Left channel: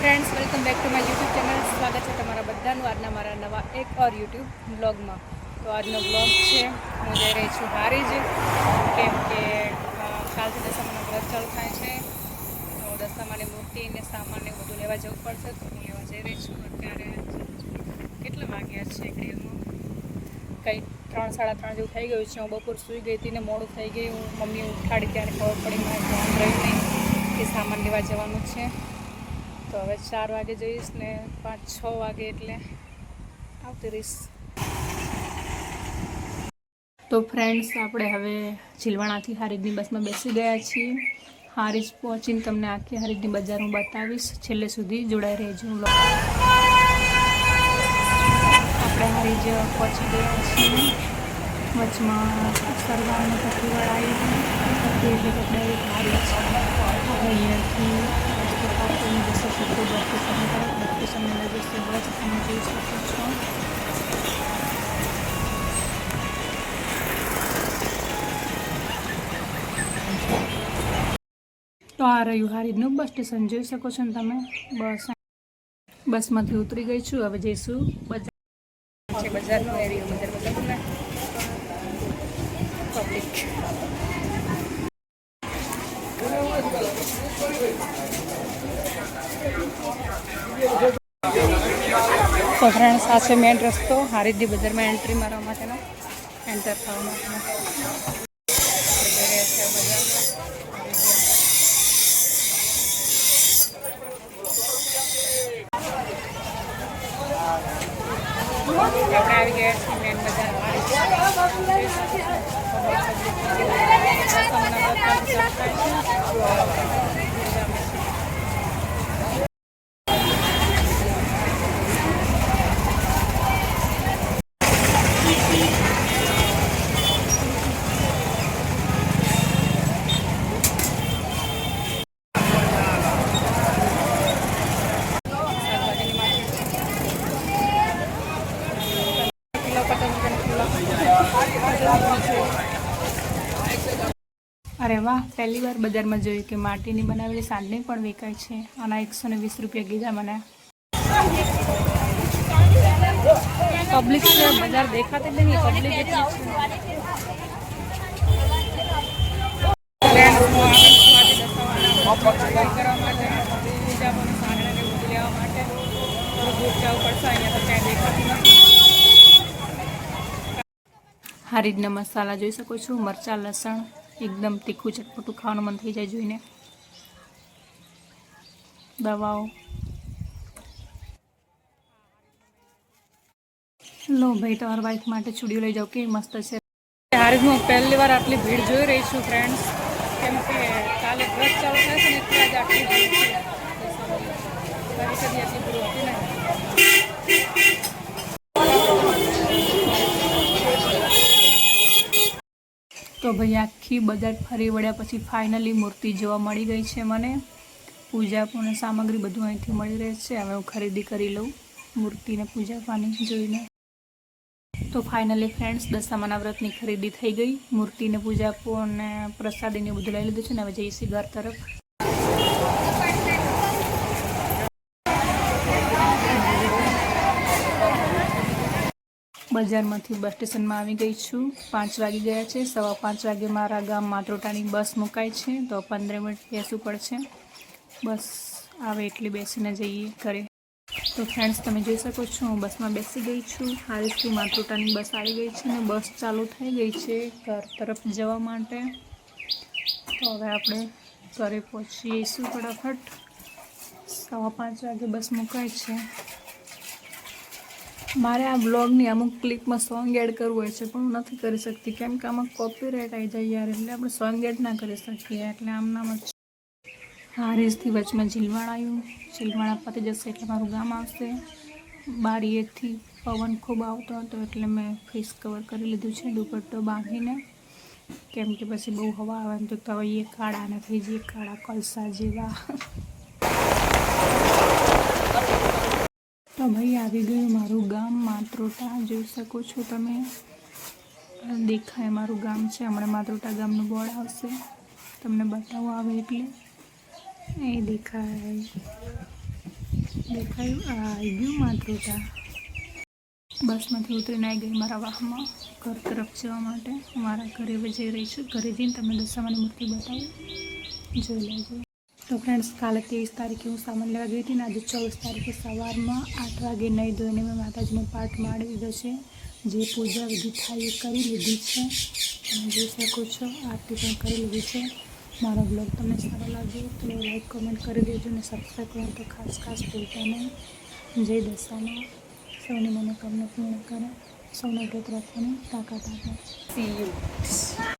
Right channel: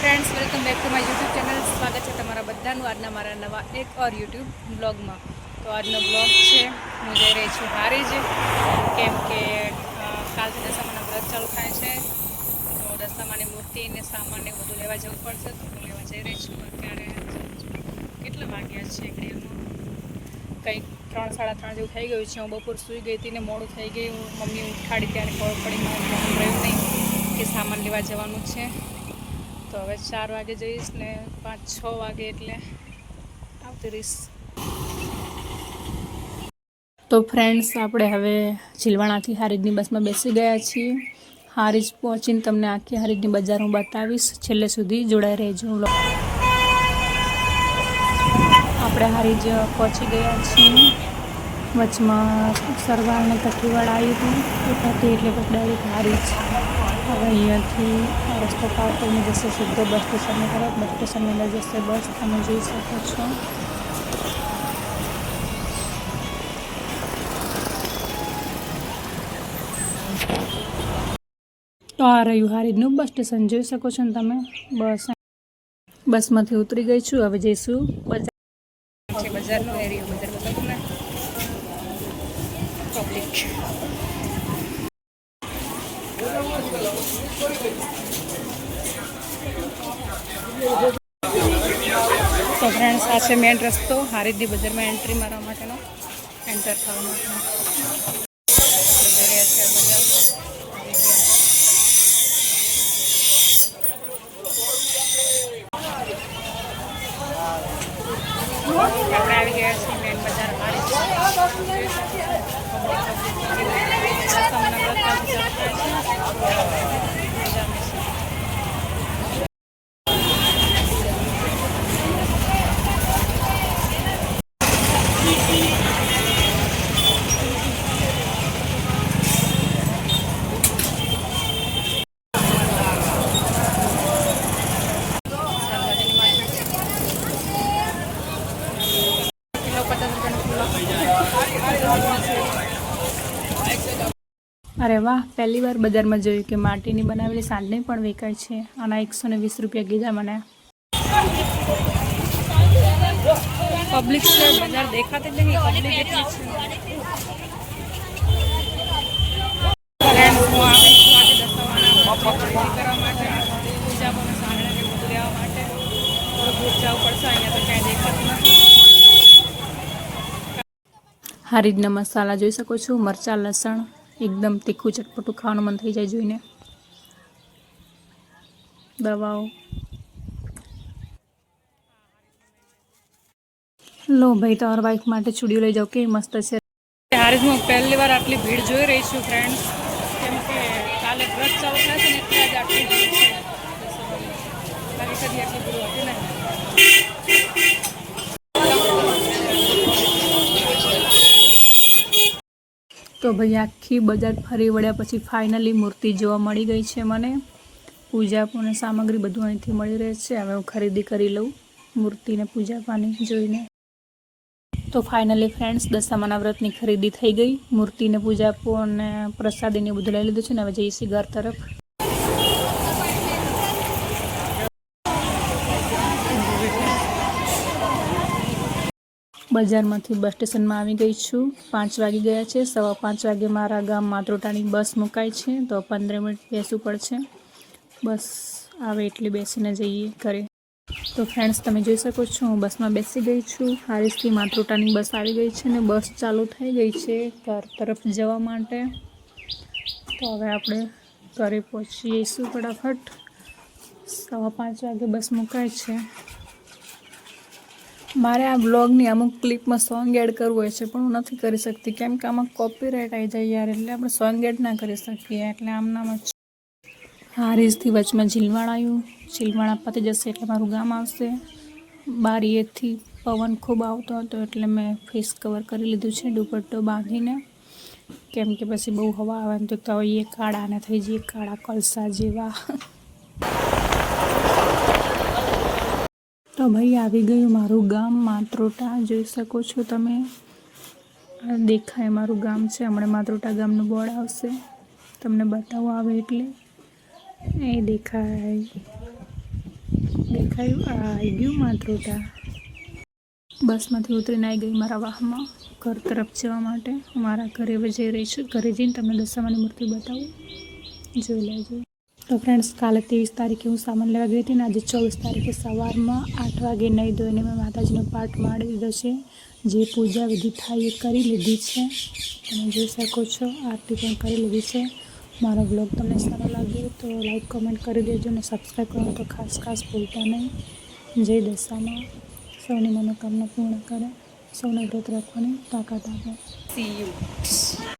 Friends welcome back to my YouTube channel. स्वागत है तमारा बधानु आजना मारा नवा एक और यूट्यूब ब्लॉग में। तो आजनो ब्लॉग है हूँ जई रही छूँ हारीज केम के काल से दशामाना व्रत चालू थाय छे। तो दशामानी मूर्ति ने सामान ने बधुं लेवा जवुं पड़शे। तो हूँ लेवा जई रही छूँ। अत्यारे केटला वाग्या छे घड़ीमां कंईक 3 साड़ा 3 जेवुं थई गयुं छे। हूँ बपोर सूई गई थी ने मोडुं थई गयुं। मम्मी उठाड़ी त्यारे खबर पड़ी, मारे ध्यान रह्युं नहीं कि सामान लेवा जवानुं छे। तो हवे 4 वागे जईश ने 5-6 वागे एटले आवती रहीश। तो फ्रेंड्स आपणे हवे झीलवाणाथी हारीजनी बसमां बेसी गया छीए। हारीज पहोंचीने तमने आखी हारीजनी बजार हूँ बतावीश। छेल्ले सुधी जोड़ाई रहेजो। आपणे हारीज पहोंची गया छीए। वचमां सरगाम पट्टीवाळा आई હતી એટલે ડાયરેક્ટ હારીજ હવે અહીંયાથી રસ્તો પાર કરીને જશે સીધો બસ સ્ટેશનની તરફ। બસ સ્ટેશને લઈ જશે બસ, તમે જોઈ શકો છો। તો આ રહ્યું હારીજનું બસ સ્ટેશન, જોઈ શકો છો ને તમે। બસમાંથી ઉતરી ગઈ છું। હવે જઈશું બજાર। બજારનો એરિયો, બજાર બતાવું તમને પબ્લિક। તો ફ્રેન્ડ્સ આ છે મેન રસ્તો હારીજની બજારમાં એન્ટ્રી મારવા માટેનો, એન્ટર થવા માટેનો। જઈ રહ્યા છે બજારમાં હારીજની અંદર। આપણે આવી ગયા છીએ મેન બજાર હારીજ। દશામાના વ્રત કાલથી ચાલુ થાય છે। अरे वाह, पहली बार बजार में जोयुं कि माटीनी बनावेली सांडनी पण वेचाय छे। आना 120 रुपया कीधा मने। पब्लिक से बजार देखाती नहीं, पब्लिक एटली छे। फ्रेंड्स हूँ आवी छुं आज दशामाना व्रतनी खरीदी करवा माटे, पूजा पण सांडणे ने बधुं लेवा माटे। थोडुं दूर जवुं पड़शे, अहींया तो क्यांय देखातुं नथी। हारीजना मसाला जोई शको छो, मरचा लसण एकदम तीखું चटपटું ખાવાનું મન થઈ જાય જોઈને। દવાઓ લો ભાઈ, તમારા વાઈફ માટે ચૂડીઓ લઈ જાઓ, કેવી મસ્ત છે। હારીજમાં પહેલી વાર આટલી ભીડ જોઈ રહી છું ફ્રેન્ડ્સ, કેમ કે કાલે વ્રત ચાલુ થાય છે ને એટલે જ આટલી ભીડ છે। બાકી કદી આટલી ભીડ હોતી નહીં। तो भाई आखी बजार फरी वळ्या पछी फाइनली मूर्ति जोवा मळी गई छे मने। पूजा पण सामग्री बधुं अहींथी मळी रहे छे। हवे हुं खरीदी करी लऊं मूर्ति ने पूजा पानी जोईने। तो फाइनली फ्रेंड्स दशामाना व्रतनी खरीदी थई गई। मूर्ति ने पूजा पण प्रसादी ने बधुं लई लीधुं छे ने हवे जईए घर तरफ। बजारमांथी बस स्टेशन में आवी गई छूँ। 5 वागी गया छे। 5:15 वागे मारा गाम मात्रोटानी बस मुकाय छे। तो 15 मिनिट बेसवुं पड़शे। बस आवे एटले बेसीने जईए घरे। तो फ्रेंड्स तमे जोई शको छो हूँ बस में बेसी गई छूँ। हारीजथी मात्रोटानी बस आई गई छे ने बस चालू थई गई छे घर तरफ जवा माटे। तो हवे आपणे घरे पहोंची जईशुं फटाफट। 5:15 वागे बस मुकाय छे। मारे आ ब्लॉगनी अमुक क्लिप में सॉन्ग एड करवुं होय छे पण हूँ नथी करी शकती, केम के आमां कॉपीराइट आई जाय यार, एटले आपणे सॉन्ग एड ना करी शकीए। एटले आमनाम ज हारीजथी वचमां झीलवाणा आव्युं। झीलवाणा पती जशे एटले मारुं गाम आवशे। बारीएथी पवन खूब आवतो हतो एटले मैं फेस कवर करी लीधुं छे दुपट्टो बांधीने, केम के पछी बहु हवा आवे तो ये काळा ने थई जाय काळा कलसा जेवा। तो भाई आवी गयुं मारुं गाम मात्रोटा, जोई शको छो तमे। देखाय मारुं गाम छे। हमणे मात्रोटा गामनुं बोर्ड आवशे, तमने बतावुं आवे एटले ए देखाय। દેખાયું આવી ગયું માતૃતા. બસમાંથી ઉતરીને આવી ગઈ મારા વાહનમાં ઘર તરફ જવા માટે. મારા ઘરે જઈ રહી છું. ઘરે જઈને તમને દશામાની મૂર્તિ બતાવું, જોઈ લેજો. તો ફ્રેન્ડ્સ, કાલે 23 તારીખે હું સામાન લેવા ગઈ હતી ને આજે 24 તારીખે સવારમાં 8 વાગે નહીં ધોઈને મેં માતાજીનો પાઠ માંડી દીધો છે. જે પૂજા વિધિ થાય એ કરી લીધી છે. તમે જોઈ શકો છો, આરતી પણ કરી લીધી છે. મારો બ્લોગ તમને સારો લાગ્યો તો લાઈક કમેન્ટ કરી દેજો અને સબસ્ક્રાઈબ કરવાનું તો ખાસ ભૂલતા નહીં. જય દશામાં સૌની મનોકામના પૂર્ણ કરે, સૌને વ્રત રાખવાની તાકાત આપે. C you.